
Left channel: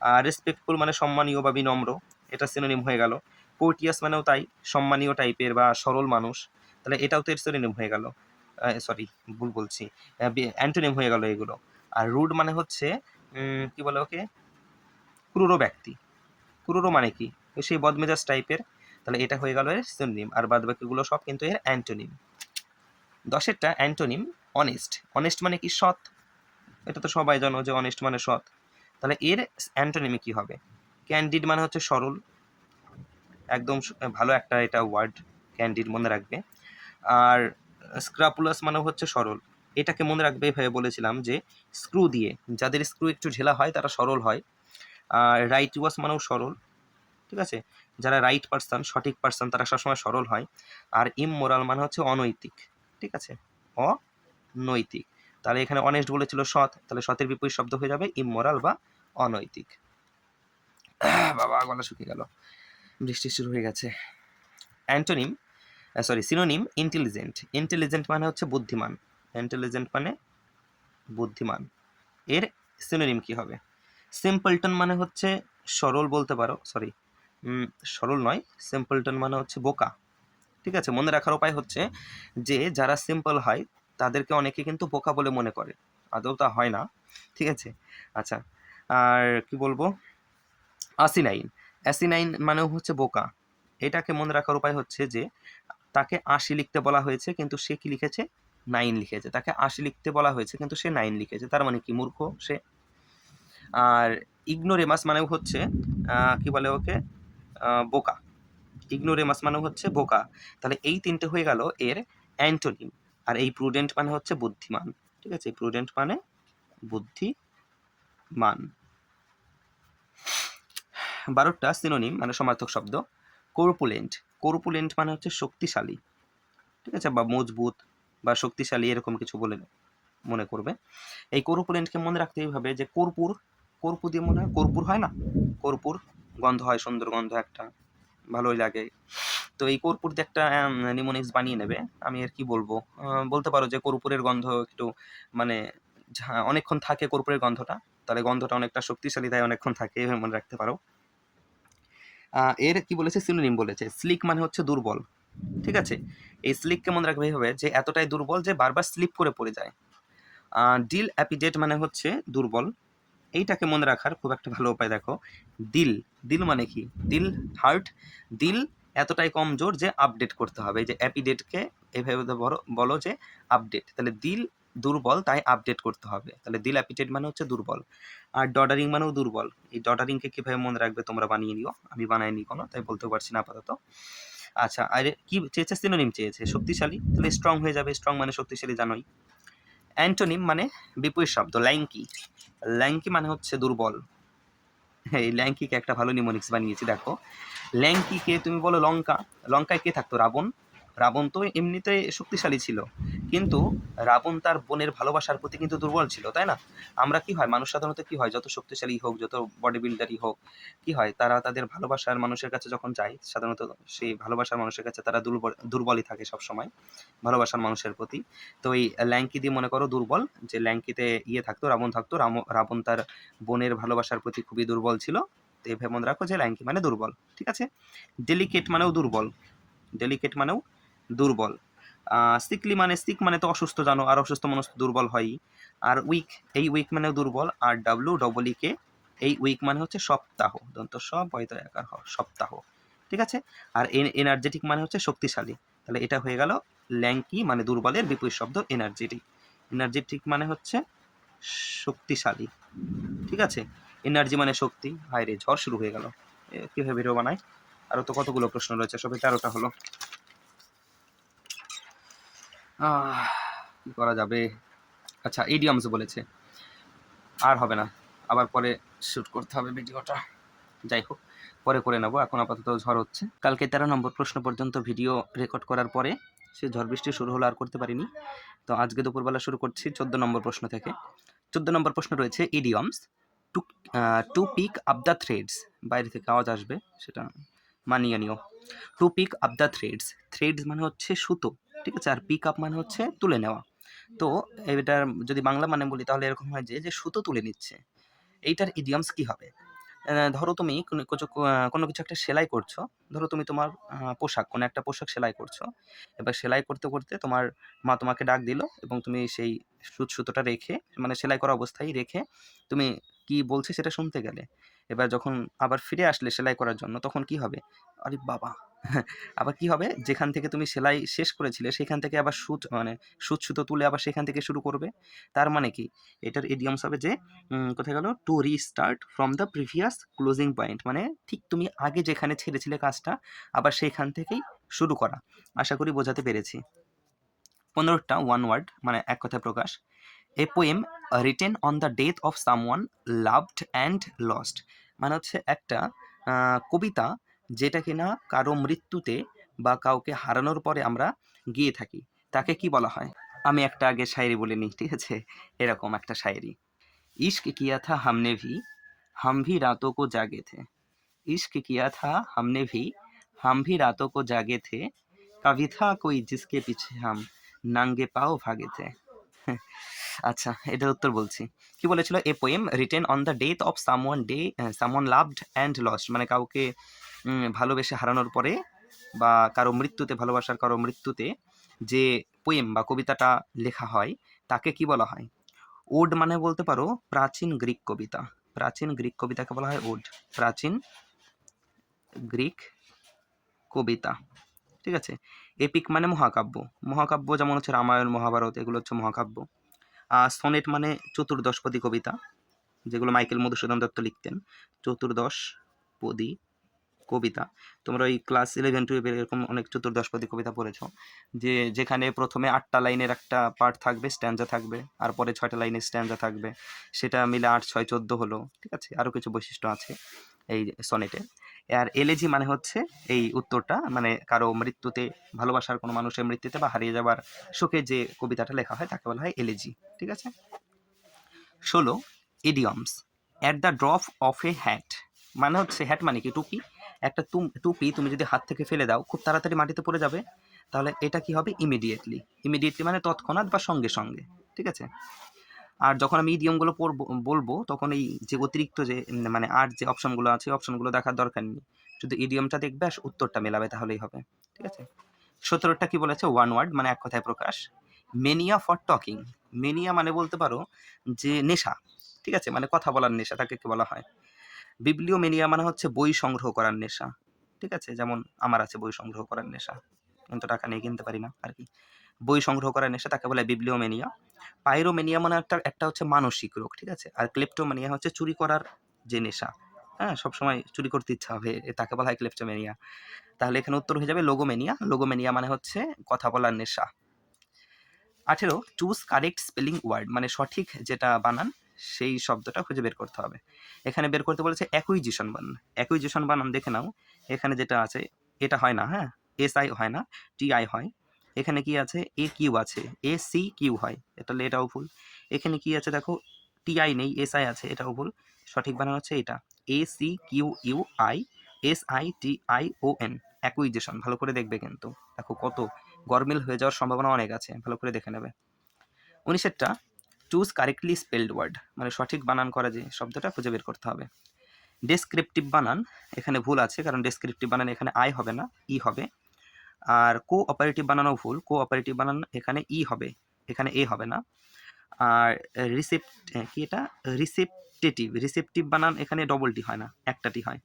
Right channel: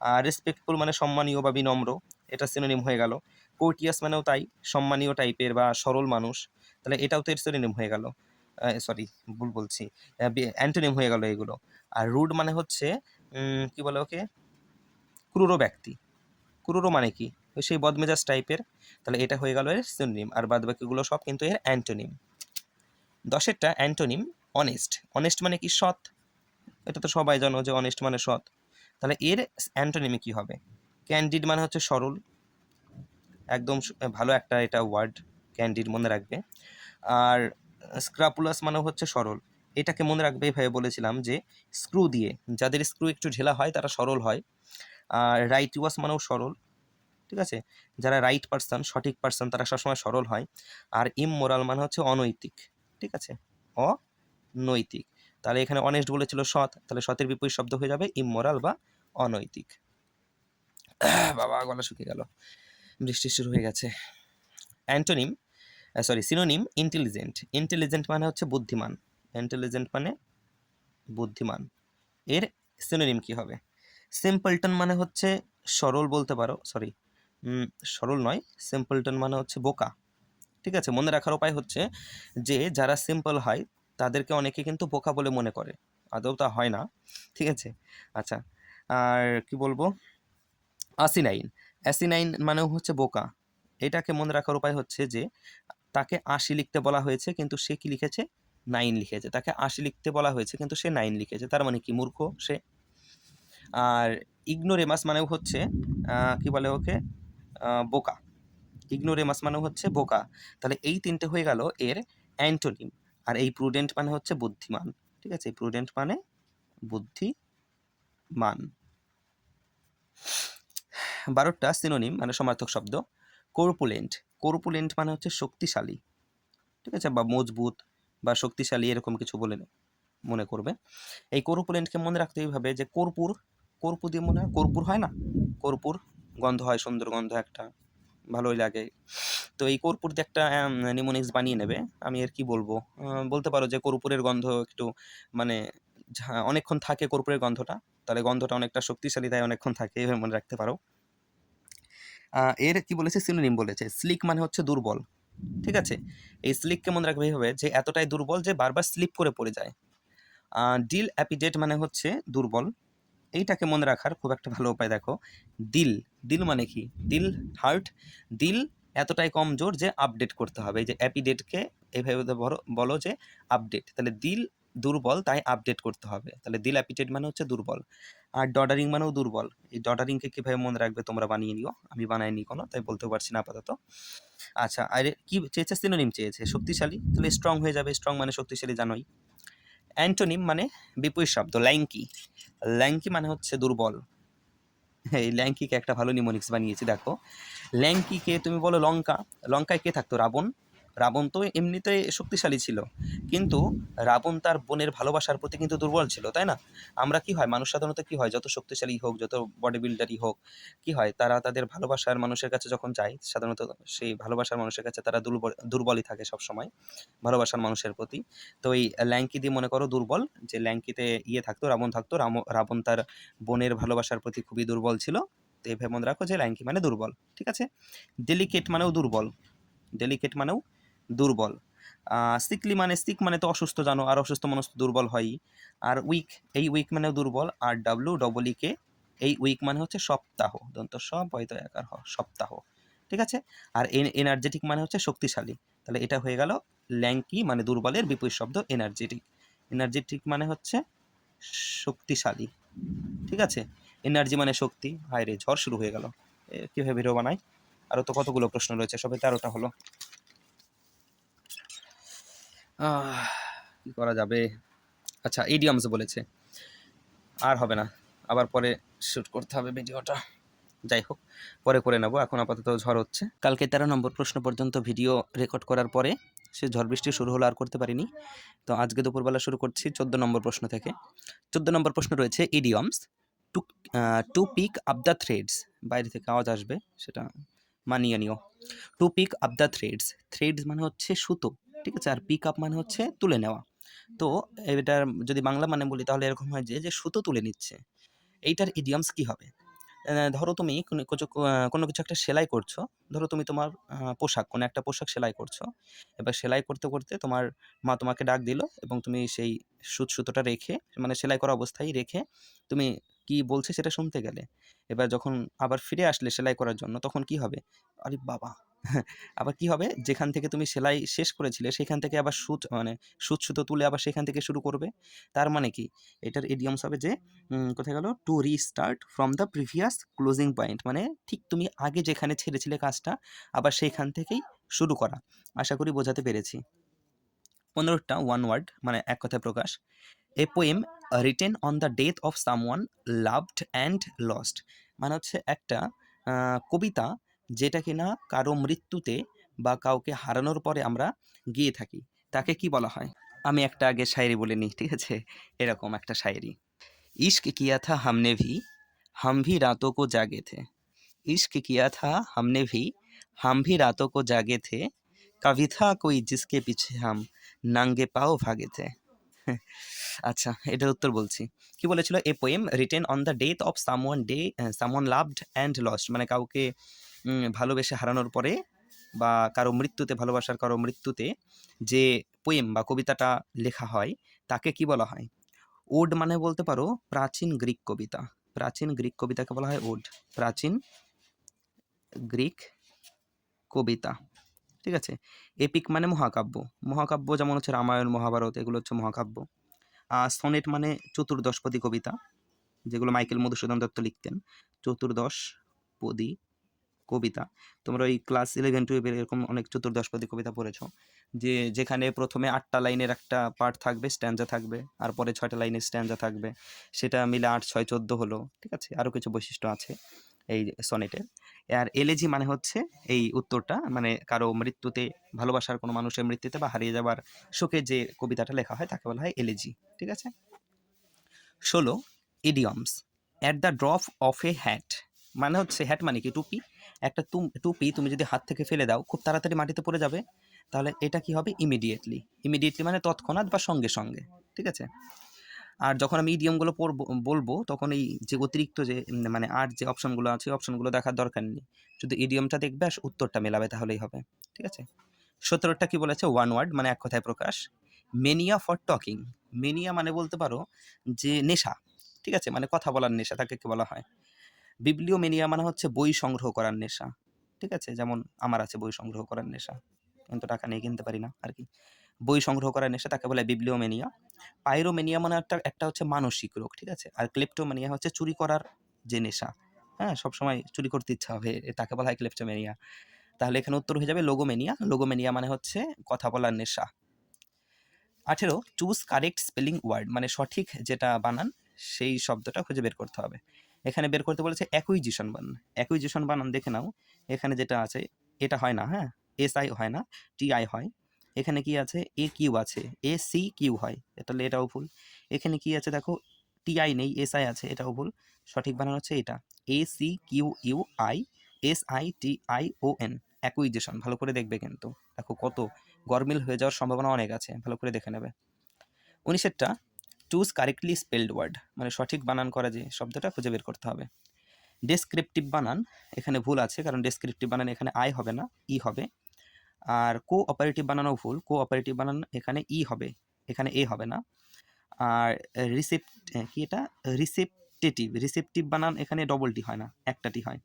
আর রেসপেক্টফুল মানে সম্মানীয় বা বিনম্র, এটা সিনোনিম হয়ে গেল। কোর্টিয়াস মানেও তাই, সম্মানীয় টাইপের বা সরল মানুষ। তাহলে এটাও তো এর সিনোনিম হয়ে গেল। সরি ভুল বলছি। অ্যান্টোনিম হয়ে গেল এগুলো। আর রুড মানে হচ্ছে কি বলে ওকে? ক্রুরো ব্যক্তি। ক্রুরো মানে কি? সেই বদমেজাজ টাইপের তাহলে এটা হয়ে গেল এর সিনোনিম আর বাদ বাকিগুলো সব কিন্তু এর অ্যান্টোনিম দশেরটা অ্যান্টোনিম অনেস্ট অনেস্ট মানে কি সৎ? এটা তো সবাই জানো যে অনেস্ট মানে সৎ। তাহলে এর অ্যান্টোনিমে কি হবে? ক্যান্ডিড মানে হচ্ছে সরল। একদম ভালো একটা এটা ওয়ার্ড ক্যান্ডিড মনে রাখবে। আর স্ক্রাপুলাস মানে হচ্ছে সরল। এটাকে মনে রাখবে এভাবে বলেছিলাম যে স্ক্রু দিয়ে, যাদের স্ক্রু একটু ঢেলা হয়, তারা সরল হয়। আর রাইট ওয়াস মানেও সরল, ঠিক আছে? যারা রাইট পার্সন সঠিক পার্সন তারা সবসময় সরল হয়। আর ইমমোরাল মানে হচ্ছে অনৈতিক, ঠিক আছে? অনৈতিক। তাহলে এখানে অনেস্ট বলেছিল সৎ, তাহলে সতের বিপরীত শব্দ হয়ে যাবে ইমমোরাল বা অনৈতিক। বাবা, গলা শুকিয়ে গেল। বৃষ্টি শুরু হয়ে গেছে। Antonym sorry synonym intelligent intelligent মানে হচ্ছে বুদ্ধিমান। ইন্টেলিজেন্ট মানে বুদ্ধিমান। এর সিনোনিম কি হবে? সিম্পলটন মানে হচ্ছে সরল বলতে পারো সরি সরল নয় সিম্পলটন মানে হচ্ছে বোকা। ঠিক আছে, মনে রাখার উপায় হচ্ছে যে, যারা সিম্পল হয়, তাদেরকে অনেকে কিন্তু বোকা বলে মনে করে। আদৌ তা হয় না। ঠিক আছে? আচ্ছা আর কি বলব? আসিনাইন অ্যাসিনাইন মানেও হচ্ছে বোকা। এটাকে মনে রাখার উপায় হচ্ছে যে তাকে আশি লিখতে বলা হয়েছে, কিন্তু সে কি লিখেছে? নাইন লিখেছে। তাকে আশি লিখতে বলা হয়েছে, কিন্তু সে নাইন লিখেছে। তার মানে কি? মূর্খ সে। আর ইগনোরেমাস মানেও হচ্ছে কি বলে ওকে? বোকা। ইগনোরেমাস মানেও হচ্ছে বোকা। তাহলে এই তিনটে হয়ে গেল এর অ্যান্টোনিম। আর এই প্রুডেন্ট মানে হচ্ছে বুদ্ধিমান। ঠিক আছে? প্রুডেন্ট মানে বুদ্ধিমান। বারোটা সিনোনিম মানে সমার্থক শব্দ। কর্পুলেন্ট কর্পুলেন্ট মানে হচ্ছে শক্তিশালী। ঠিক আছে? বা মজবুত বা শক্তিশালী এরকম কিছু বলে মনে করবে। এই কর্পুলেন্টকে মনে রাখতে এইভাবে যে কর্পূর কর্পূর দিয়ে মনে হয় কর্পূর হয় না? কর্পূর গন্ধ হয়, সুন্দর গন্ধ একটা, ভালোই লাগে। তো এই কর্পূর দিয়ে একটা নিমোনিক্স বানিয়ে নেবে। আমি আর কি বলব? বলতে পারো যে কর্পূরের গন্ধ একটু মানে অনেকক্ষণ থাকে কর্পূরের গন্ধটা, তাহলে গন্ধটা অনেকটা শক্তিশালী তাই অনেকক্ষণ থাকে, এভাবে মনে রাখতে পারো। এর কি বলেছে? সিনোনিম বলেছে। স্লিক মানে হচ্ছে দুর্বল। ঠিক আছে? এই স্লিককে মনে রাখবে এইভাবে? যে এতটাই দুর্বল যে বারবার স্লিপ করে পড়ে যায়। ডিল অ্যাপিডেট মানে হচ্ছে দুর্বল। এইটাকে মনে রাখার? খুব একটা ভালো উপায় দেখো। দিল দিল মানে কি? দিল হার্ট দিল এতটাই কমজোর যে আপডেট করতে হবে। এই যে অ্যাপিডেটকে এভাবে বলো যে আপডেট তাহলে দিল দুর্বল, তাই আপডেট করতে হবে। তাহলে দিল অ্যাপিডেট মানে হচ্ছে দুর্বল, আর ডডারিং মানেও দুর্বল। এই ডডারিংকে কীভাবে মনে রাখবে তোমরা বানিয়ে নিও, আমি বানাইনি কোনো, তাই বলতেও পারছি না আপাতত। আচ্ছা আর কি চেয়েছে সিনোনিম চেয়েছে? শক্তিশালী? তাহলে স্ট্রং হয়ে যাবে স্ট্রং মানে শক্তিশালী জানোই। অ্যান্টোনিম মানে বিপরীত শব্দ ল্যাঙ্কি ল্যাঙ্কি মানে হচ্ছে দুর্বল। এই ল্যাঙ্কিকে একটা ভালো নিমোনিক্স বানিয়েছি, দেখো। ল্যাঙ্কিকে তুমি বলো লঙ্কা। লঙ্কায় কে থাকতো? রাবণ। রাবণ তো এমনিতে শক্তিশালী ছিল। কিন্তু রাবণ তার বোনের ভালোবাসার প্রতি কিন্তু দুর্বল ছিল, তাই না? আমরা কি হয়, মানুষ সাধারণত কি হয়, যত শক্তিশালী হোক, যত বডি বিল্ডারই হোক, কি হয়, তারা তাদের ভালোবাসার মানুষের কাছে যখন যায়, সাধারণত সেই ভালোবাসার মানুষের কাছে তারা দুর্বল দুর্বলই থাকে সব সময় ভালোবাসার মানুষের প্রতি। তো এই ল্যাঙ্কি দিয়ে মনে করো দুর্বল, যে ল্যাঙ্কিতে ইয়ে থাকতো, রাবণ থাকতো রাবণ তার বোনের ভালোবাসার প্রতি খুবই দুর্বল ছিল। তো এভাবে মনে রাখো যে ল্যাঙ্কি মানে দুর্বল, ঠিক আছে? ডেলিকেট মানেও দুর্বল ডেলিকেট মানেও দুর্বল। সিকলি মানে সিক মানে তো অসুস্থ, জানো, আর অসুস্থ মানুষ দুর্বল হয়ই। আর উইক এই উইক মানেও দুর্বল, আর ডাব্লু ডবল কে এই উইক মানে হচ্ছে সপ্তাহ। দন্ত সব হয়তো একার সপ্তাহ। ঠিক আছে? আর এনার্জেটিক মানে হচ্ছে শক্তিশালী। তাহলে এটা হয়ে গেল ল্যাঙ্কি মানে দুর্বলের বিপরীত শব্দ এনার্জেটিক এনার্জেটিক মানে হচ্ছে শক্তিশালী। ঠিক আছে? এনার্জি মানে শক্তি। হায় রে, ঝড় শুরু হয়ে গেল। কীভাবে ভিডিও বানায় আরও তো কতগুলো প্রশ্ন রয়েছে? সবে তেরোটা হলো। কি করা যাবে? আচ্ছা ইডিয়ামস বলেছে। আর হবে না। আবার পরে শ্যুট করতে হবে ভিডিওটা যাই হোক, পরে করে নেব। এখন আপাতত ঝড় হচ্ছে। কালকে তেরো নম্বর প্রশ্ন পর্যন্ত ভিডিও রেকর্ড করার পরে সে ঝড় বৃষ্টি শুরু হলো আর করতে পারিনি। তো আজকে দুপুরবেলা শুরু করছি চোদ্দ নম্বর প্রশ্ন থেকে। চোদ্দ নম্বর প্রশ্ন রয়েছে idioms to to pick up the threads বাইরে থেকে আওয়াজ আসবে, সেটা মানিয়ে নিও। To pick up the threads threads মানে হচ্ছে সুতো। ঠিক আছে? আর পিক আপ মানে হচ্ছে তুলে নেওয়া। তো এটার যদি বাংলা মানে বলি, তাহলে এরকম হয় যে যে সুতো তুলে নিচ্ছে। এইটার ইডিয়ামস কি হবে? ধরো তুমি কোনো কিছু একটা সেলাই করছ। ধরো তুমি তোমার পোশাক, কোনো একটা পোশাক সেলাই করছ। এবার সেলাই করতে করতে তোমার মা তোমাকে ডাক দিল এবং তুমি সেই সুত, সুতোটা রেখে মানে সেলাই করা অবস্থায় রেখে তুমি কি বলছে সেটা শুনতে গেলে? এবার যখন আবার ফিরে আসলে সেলাই করার জন্য, তখন কি হবে? আরে বাবা! আবার কি হবে? যেখান থেকে তুমি সেলাই শেষ করেছিলে, সেখান থেকে আবার সুত মানে সুত সুতো তুলে আবার সেখান থেকে শুরু করবে। তার মানে কি? এটার ইডিয়মস হবে যে কোথায় গেল? To restart from the previous closing point মানে ঠিক তুমি আগে যেখানে ছেড়েছিলে কাজটা, আবার সেখান থেকেই শুরু করা। আশা করি বোঝাতে পেরেছি। পনেরোটা ওয়ান ওয়ার্ড মানে এক কথায় প্রকাশ। A poem written on the death of someone loved and lost মানে হচ্ছে একটা কবিতা যেটা কিনা কারও মৃত্যুতে বা কাউকে হারানোর পরে আমরা গিয়ে থাকি। তাকে কি বলা হয়? আমি একটা আগে শায়েরি বলে নিই, ঠিক আছে? এরকম একটা শায়েরি। ইশক কিয়া থা হামনে ভি, হাম ভি রাতো কো জাগে থে। ইশক কিয়া থা হামনে ভি, হাম ভি রাতো কো জাগে থে। কবি থা কই জিসকে পিছে হাম নাঙ্গে পাও ভাগে থে? *laughs* আচ্ছা এটা উত্তর বলছি। কি বলেছিল? A poem written on the death of someone day, someone loved and lost. মানে কাউকে ভালোবেসে হারানোর পরে বা কারও মৃত্যুতে, ভালোবাসার কারও মৃত্যুতে যে পোয়েম বা কবিতাটা লেখা হয়, তাকে কি বলা হয়? ওড মানে বলতে পারো প্রাচীন গ্রিক কবিতা। প্রাচীন গ্রিক কবিতাকে বলা হয় ওড। প্রাচীন গ্রিক কবিতা। ঠিক আছে? এপিক মানে মহাকাব্য। মহাকাব্য যেমন হচ্ছে রামায়ণ, মহাভারত, এগুলো হচ্ছে মহাকাব্য। আর সনেট মানে চতুর্দশপদী কবিতা, যেগুলো মাইকেল মধুসূদন দত্ত লিখতেন। চতুর্দশপদী কবিতা। তোমরা ওই ক্লাস ইলেভেন টুয়েলভের এরকম অনেক চতুর্দশপদী কবিতা পড়েছো। যে, যেখানে প্রথমে আটটা লাইনের একটা পার্ট থাকবে স্ট্যান্ডা থাকবে, আর পরে ছয়টা লাইনের স্ট্যান্ডা থাকবে। সেটা মিলে আট, ছয়, চোদ্দ হলো, ঠিক আছে? আরও কিছু বৈশিষ্ট্য আছে এই সনেটে আর এলেজি মানে হচ্ছে এই উত্তরটা মানে কারও মৃত্যুতে, ভালোবাসার কোনো মানুষের মৃত্যুতে বা হারিয়ে যাওয়ার শোকে যে কবিতাটা লেখা হয়, তাকে বলা হয় এলেজি ঠিক আছে? ষোলো idioms at the drop of a hat মানে হচ্ছে হ্যাট মানে কি, টুপি? একটা তুম- টুপি তুমি যদি হাত থেকে ফেলে দাও, খুব তাড়াতাড়ি মাটিতে পড়ে যাবে। তাহলে এটা কি হবে? ইমিডিয়েটলি ইমিডিয়েটলি মানে তৎক্ষণাৎ বা সঙ্গে সঙ্গে। ঠিক আছে? আর যখন আমি ইডিয়মগুলো পড়ব, বলব, তখন এই যে অতিরিক্ত যে মানে আর যে অপশনগুলো আছে অপশনগুলো দেখার দরকার নেই। শুধু ইডিয়মটা দেখবে আর উত্তরটা মেলাবে, তাহলেই হবে। ঠিক আছে? সতেরোটা কি বলেছে? ওয়ান ওয়ার্ড মানে এক কথায় প্রকাশ। মেনিয়া ফর টকিং মেনিয়া মানে বলতে পারো যে নেশা। ঠিক আছে? মানে কথা বলার নেশা, তাকে কি বলা হয়? বিবলিও মেনিয়া মানে হচ্ছে বই সংগ্রহ করার নেশা। ঠিক আছে? যেমন আমার আছে বই সংগ্রহ করার নেশা। কিন্তু টাকা নিয়ে কিনতে পারি না আর কি। বই সংগ্রহ করার নেশা তাকে বলে বিবলিওমেনিয়া পাইরোমেনিয়া মানে একটা একটা হচ্ছে মানসিক রোগ, ঠিক আছে? আর ক্লেপ্টোমেনিয়া হচ্ছে চুরি করার যে নেশা। হ্যাঁ? সবসময় চুরি করতে ইচ্ছা হবে তাকে বলা হয় ক্লেপ্টোমেনিয়া তাহলে এখানে উত্তর হয়ে যাবে লোগোমেনিয়া লোগোমেনিয়া মানে হচ্ছে কথা বলার নেশা। আঠেরো চুজ কারেক্ট স্পেলিং ওয়ার্ড মানে সঠিক যেটা বানান, সেই শব্দটা খুঁজে বের করতে হবে। এখানে বের করতে বলেছে অ্যাকুইজিশন বানান অ্যাকুইজিশন বানান দেখে নাও, এখানে যেটা আছে, এটা হয় না হ্যাঁ? এস আই হয় না টি আই হয়। এখানে কি আছে? এ কিউ আছে এ সি কিউ হয় তাহলে এটাও ভুল। এখানে কি আছে দেখো টি আই নেই এস আই আছে, এটাও ভুল। সঠিক বানান হচ্ছে এটা A C Q U I S I T I O N acquisition ভালো করে দেখবে কিন্তু। দেখো কত গরমিল হয়ে যাওয়ার সম্ভাবনা অনেক আছে, ভালো করে দেখে নেবে। উনিশেরটা চুজ কারেক্টলি স্পেলড ওয়ার্ড মানে সঠিক বানান করা যে শব্দটা খুঁজে বের করতে হবে। ডেসক্রিপটিভ বানান, এখানে ভুল আছে, কারণ ডেসক্রিপটিভ বানান এখানে আই হবে না ই হবে। আর কো অপারেটিভ বানানো ভুল কো অপারেটিভ বানান এখানে ই হবে, এখানে এ হবে না। আর রিসেপ্ট কি এটা? রিসেপ্টেটিভ রিসেপটিভ বানান এখানে ডবলটি হয় না একটাটি হয়।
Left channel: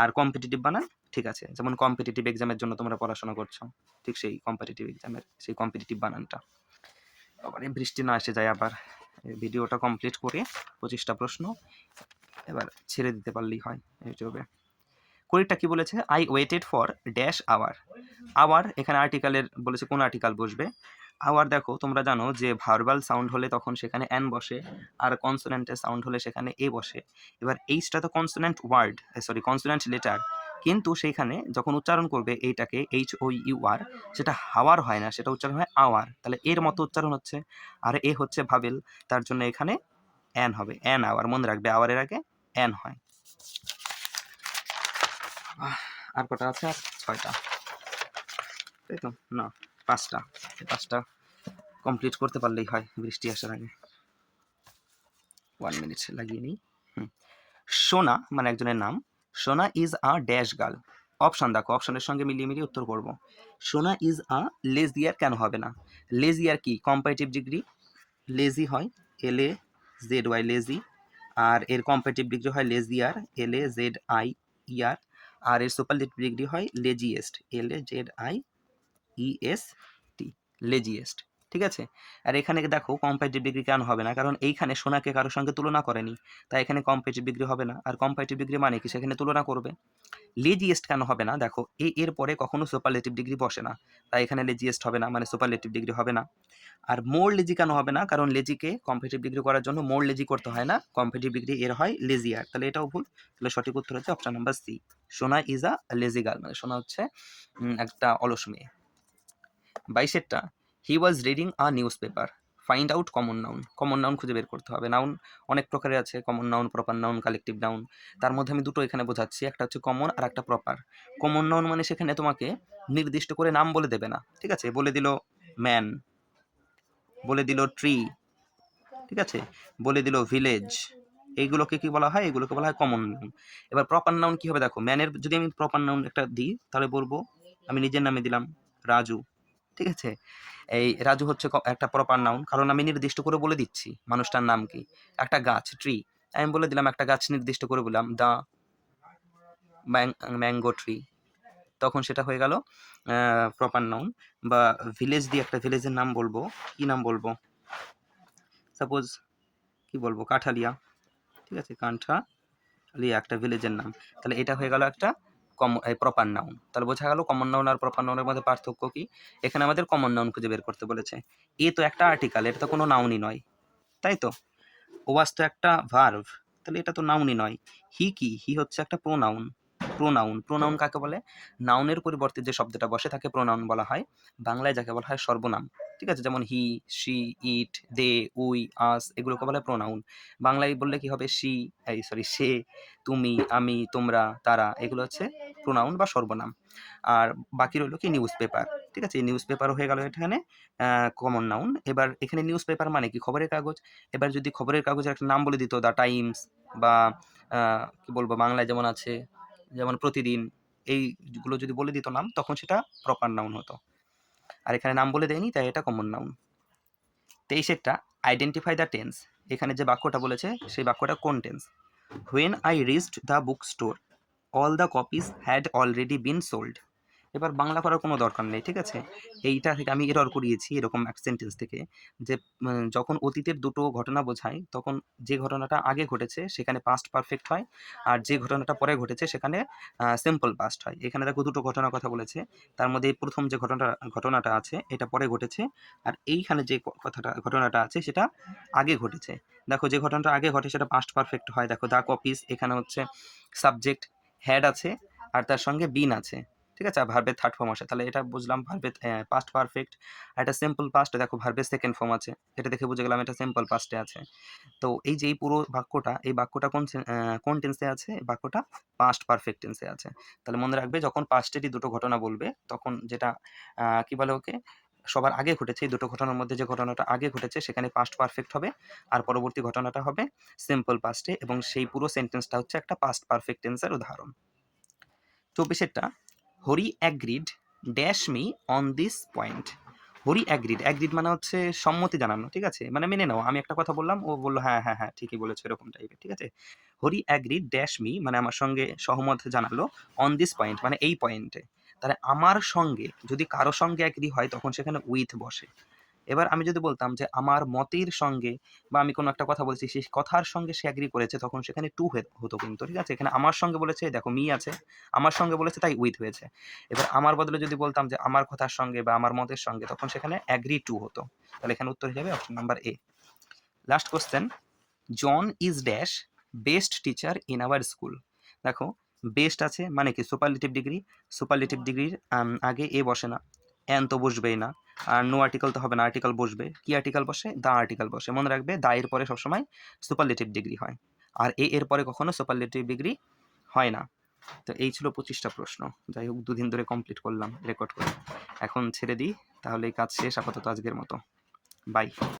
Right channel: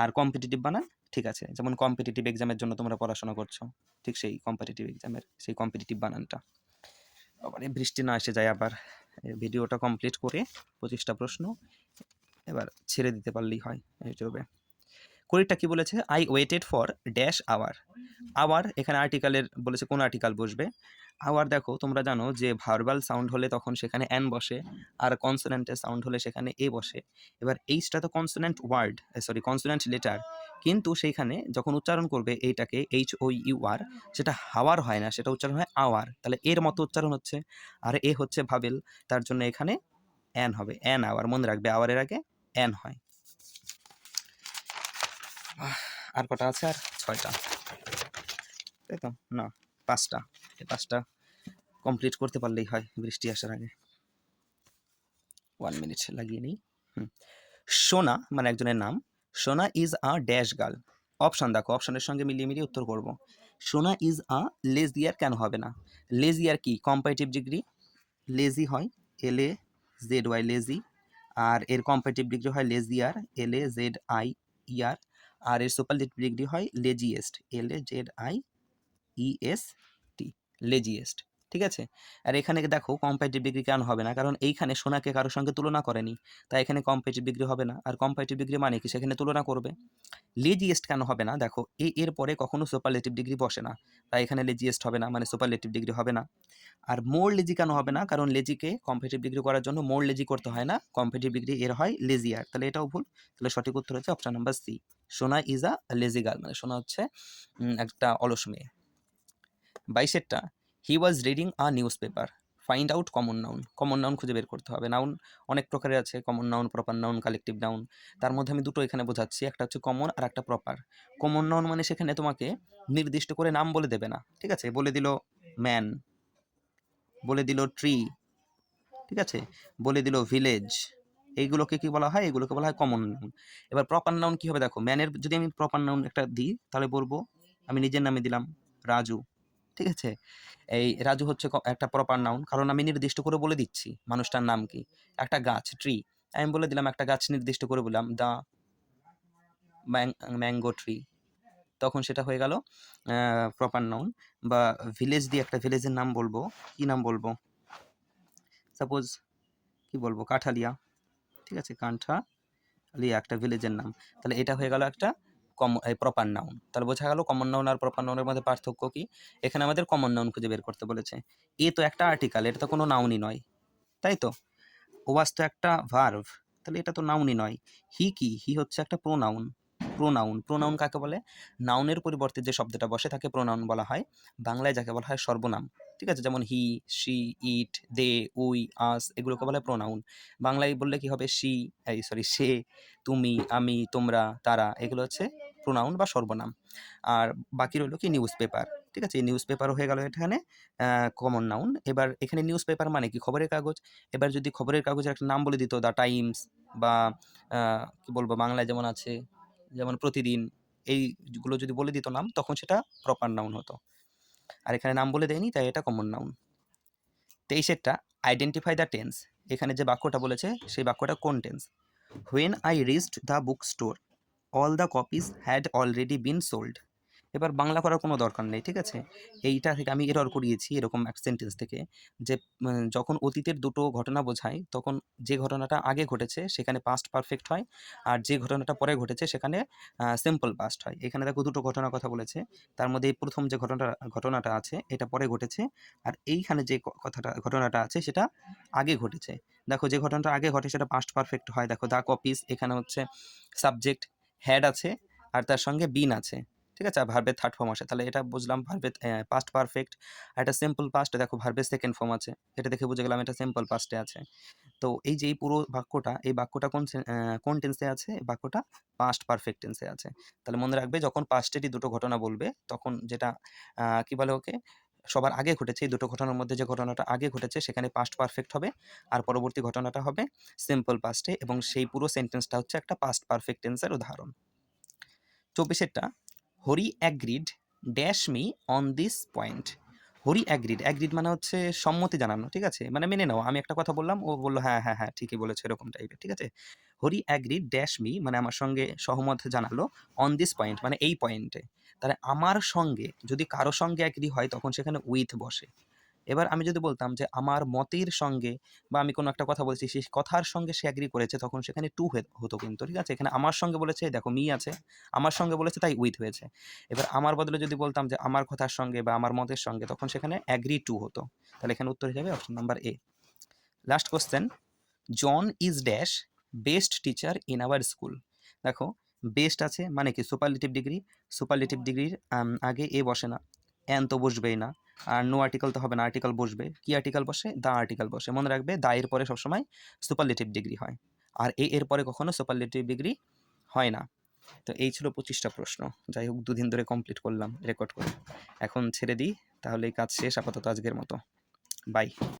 আর কম্পিটিটিভ বানান, ঠিক আছে, যেমন কম্পিটিটিভ এক্সামের জন্য তোমরা পড়াশোনা করছ, ঠিক সেই কম্পিটিটিভ এক্সামের সেই কম্পিটিটিভ বানানটা। আবার বৃষ্টি না এসে যায় আবার। ভিডিওটা কমপ্লিট করে পঁচিশটা প্রশ্ন এবার ছেড়ে দিতে পারলেই হয় ইউটিউবে। কুড়িটা কি বলেছে? I waited for dash hour hour এখানে আর্টিকেলের বলেছে কোন আর্টিকেল বসবে। আওয়ার দেখো, তোমরা জানো যে ভার্বাল সাউন্ড হলে তখন সেখানে অ্যান বসে আর কনসোনেন্টের সাউন্ড হলে সেখানে এ বসে। এবার এইচটা তো consonant word sorry consonant letter কিন্তু সেইখানে যখন উচ্চারণ করবে এইটাকে এইচ ও ইউ আর সেটা হাওয়ার হয় না, সেটা উচ্চারণ হয় আওয়ার। তাহলে এর মতো উচ্চারণ হচ্ছে। আর এ হচ্ছে ভাবেল, তার জন্য এখানে অ্যান হবে অ্যান আওয়ার মনে রাখবে আওয়ারের আগে অ্যান হয়। আর কটা আছে? আর ছয়টা। তাই তো, না, পাঁচটা। পাঁচটা কমপ্লিট করতে পারলেই হয়, বৃষ্টি আসার আগে। ওয়ান মিনিট লাগিয়ে নিই। সোনা মানে একজনের নাম Sona is a dash girl option দেখো অপশানের সঙ্গে মিলিয়ে মিলিয়ে উত্তর করব। সোনা ইজ আ লেজি লেজিয়ার কেন হবে না? লেজিয়ার কি? কম্পারেটিভ ডিগ্রি লেজি হয় L A Z Y lazy আর এর কম্পারেটিভ ডিগ্রি হয় লেজিয়ার এল এ জেড আই ইয়ার আর এর সুপারলেটিভ ডিগ্রি হয় laziest L A Z I E S T laziest ঠিক আছে? আর এখানে দেখো কম্পারেটিভ ডিগ্রি কেন হবে না? কারণ এইখানে সোনাকে কারোর সঙ্গে তুলনা করেনি। তাই এখানে কম্পারেটিভ ডিগ্রি হবে না। আর কম্পারেটিভ ডিগ্রি মানে কি? সেখানে তুলনা করবে। লেজিয়েস্ট কেন হবে না? দেখো, এ, এর পরে কখনো সুপারলেটিভ ডিগ্রি বসে না। তাই এখানে লেজিয়েস্ট হবে না মানে সুপারলেটিভ ডিগ্রি হবে না। আর মোর লেজি কেন হবে না? কারণ লেজিকে কম্পিটিভ ডিগ্রি করার জন্য মোর লেজি করতে হয় না। কম্পিটিভ ডিগ্রি এর হয় লেজিয়ার তাহলে এটাও ভুল। তাহলে সঠিক উত্তর হচ্ছে option number C Sona is a lazy girl মানে সোনা হচ্ছে একটা অলস মেয়ে। বাইশেরটা he was reading a newspaper find out common noun common noun খুঁজে বের করতে হবে। নাউন অনেক প্রকারের আছে। Common noun proper noun collective noun তার মধ্যে আমি দুটো এখানে বোঝাচ্ছি। একটা হচ্ছে কমন আর একটা প্রপার কমন নাউন মানে সেখানে তোমাকে নির্দিষ্ট করে নাম বলে দেবে না। ঠিক আছে? বলে দিল ম্যান বলে দিল ট্রি ঠিক আছে? বলে দিল ভিলেজ এইগুলোকে কি বলা হয়? এগুলোকে বলা হয় কমন নাউন এবার প্রপার নাউন কি হবে? দেখো ম্যানের যদি আমি প্রপার নাউন একটা দিই, তাহলে বলব, আমি নিজের নামে দিলাম, রাজু। ঠিক আছে? এই রাজু হচ্ছে একটা প্রপার নাউন কারণ আমি নির্দিষ্ট করে বলে দিচ্ছি মানুষটার নাম কি? একটা গাছ ট্রি আমি বলে দিলাম একটা গাছ নির্দিষ্ট করে বললাম দ্য ম্যাঙ্গো ট্রি তখন সেটা হয়ে গেল প্রপার নাউন বা ভিলেজ দিয়ে একটা ভিলেজের নাম বলব। কি নাম বলব? সাপোজ কি বলব? কাঠালিয়া। ঠিক আছে? কাঁঠালিয়া একটা ভিলেজের নাম। তাহলে এটা হয়ে গেল একটা কম প্রপার নাউন তাহলে বোঝা গেল কমন নাউন আর প্রপার নাউনের মধ্যে পার্থক্য কি? এখানে আমাদের কমন নাউন খুঁজে বের করতে বলেছে। এ তো একটা আর্টিকেল এটা তো কোনো নাউনই নয়। তাই তো? ওয়াজ তো একটা ভার্ভ তাহলে এটা তো নাউনই নয়। হি কি? হি হচ্ছে একটা প্রোনাউন প্রোনাউন প্রোনাউন কাকে বলে? নাউনের পরিবর্তে যে শব্দটা বসে তাকে প্রোনাউন বলা হয়। বাংলায় যাকে বলা হয় সর্বনাম। ঠিক আছে? যেমন he she it they we আস এগুলোকে বলা প্রোনাউন বাংলায় বললে কি হবে? শি সরি সে, তুমি, আমি, তোমরা, তারা, এগুলো হচ্ছে প্রোনাউন বা সর্বনাম। আর বাকি রইল কি নিউজ পেপার ঠিক আছে? নিউজ পেপার হয়ে গেল এখানে কমন নাউন এবার এখানে নিউজ পেপার মানে কি? খবরের কাগজ। এবার যদি খবরের কাগজের একটা নাম বলে দিত দ্য টাইমস বা কি বলব, বাংলায় যেমন আছে, যেমন প্রতিদিন এইগুলো যদি বলে দিত নাম, তখন সেটা প্রপার নাউন হতো। আর এখানে নাম বলে দেয়নি, তাই এটা কমন নাউন তেইশেরটা আইডেন্টিফাই দ্য টেন্স এখানে যে বাক্যটা বলেছে, সেই বাক্যটা কোন tense when I reached the bookstore all the copies had already been sold এবার বাংলা করার কোনো দরকার নেই, ঠিক আছে? এইটা থেকে আমি এরর করিয়েছি এরকম এক সেন্টেন্স থেকে যে যখন অতীতের দুটো ঘটনা বোঝায়, তখন যে ঘটনাটা আগে ঘটেছে সেখানে পাস্ট পারফেক্ট হয়, আর যে ঘটনাটা পরে ঘটেছে সেখানে সিম্পল পাস্ট হয়। এখানে দেখো দুটো ঘটনার কথা বলেছে, তার মধ্যে প্রথম যে ঘটনা ঘটনাটা আছে, এটা পরে ঘটেছে, আর এইখানে যে কথাটা, ঘটনাটা আছে সেটা আগে ঘটেছে। দেখো যে ঘটনাটা আগে ঘটে সেটা পাস্ট পারফেক্ট হয়। দেখো দা কপিস এখানে হচ্ছে সাবজেক্ট হ্যাড আছে আর তার সঙ্গে বিন আছে। ঠিক আছে? আর ভার্বের থার্ড ফর্ম আসে। তাহলে এটা বুঝলাম ভার্বের পাস্ট পারফেক্ট আর এটা সিম্পল পাস্ট দেখো ভার্বের সেকেন্ড ফর্ম আছে। এটা দেখে বুঝে গেলাম এটা সিম্পল পাস্টে আছে। তো এই যে এই পুরো বাক্যটা, এই বাক্যটা কোন কোন টেন্সে আছে? এই বাক্যটা পাস্ট পারফেক্ট টেন্সে আছে। তাহলে মনে রাখবে যখন পাস্টেরই দুটো ঘটনা বলবে, তখন যেটা কি বলে ওকে? সবার আগে ঘটেছে, এই দুটো ঘটনার মধ্যে যে ঘটনাটা আগে ঘটেছে সেখানে পাস্ট পারফেক্ট হবে আর পরবর্তী ঘটনাটা হবে সিম্পল পাস্টে এবং সেই পুরো সেন্টেন্সটা হচ্ছে একটা পাস্ট পারফেক্ট টেন্সের উদাহরণ। চব্বিশেরটা, Hari agreed dash me on this point Hari agreed agreed মানে হচ্ছে সম্মতি জানানো, ঠিক আছে? মানে মেনে নাও, আমি একটা কথা বললাম, ও বলল হ্যাঁ হ্যাঁ হ্যাঁ ঠিকই বলেছ, এরকম টাইপের ঠিক আছে? হরি অ্যাগ্রিড ড্যাশ মি মানে আমার সঙ্গে সহমত জানালো অন দিস পয়েন্ট মানে এই পয়েন্টে তাহলে আমার সঙ্গে যদি কারও সঙ্গে অ্যাগ্রি হয়, তখন সেখানে উইথ বসে। এবার আমি যদি বলতাম যে আমার মতের সঙ্গে বা আমি কোনো একটা কথা বলছি সেই কথার সঙ্গে সে অ্যাগ্রি করেছে, তখন সেখানে টু হতো কিন্তু, ঠিক আছে? এখানে আমার সঙ্গে বলেছে দেখো মি আছে। আমার সঙ্গে বলেছে, তাই উইথ হয়েছে। এবার আমার বদলে যদি বলতাম যে আমার কথার সঙ্গে বা আমার মতের সঙ্গে, তখন সেখানে অ্যাগ্রি টু হতো। তাহলে এখানে উত্তর যাবে option number A last question John is dash best teacher in our school দেখো বেস্ট আছে মানে কি সুপারলিটিভ ডিগ্রি সুপারলিটিভ ডিগ্রির আগে এ বসে না। অ্যান তো বসবেই না। আর নো আর্টিকেল তো হবে না আর্টিকেল বসবে। কি আর্টিকেল বসে? দা আর্টিকেল বসে। মনে রাখবে, দা এর পরে সবসময় সুপারলেটিভ ডিগ্রি হয়। আর এ এর পরে কখনো সুপারলেটিভ ডিগ্রি হয় না। তো এই ছিল পঁচিশটা প্রশ্ন। যাই হোক, দুদিন ধরে কমপ্লিট করলাম রেকর্ড করে। এখন ছেড়ে দিই। তাহলে এই কাজ শেষ, আপাতত আজকের মতো। বাই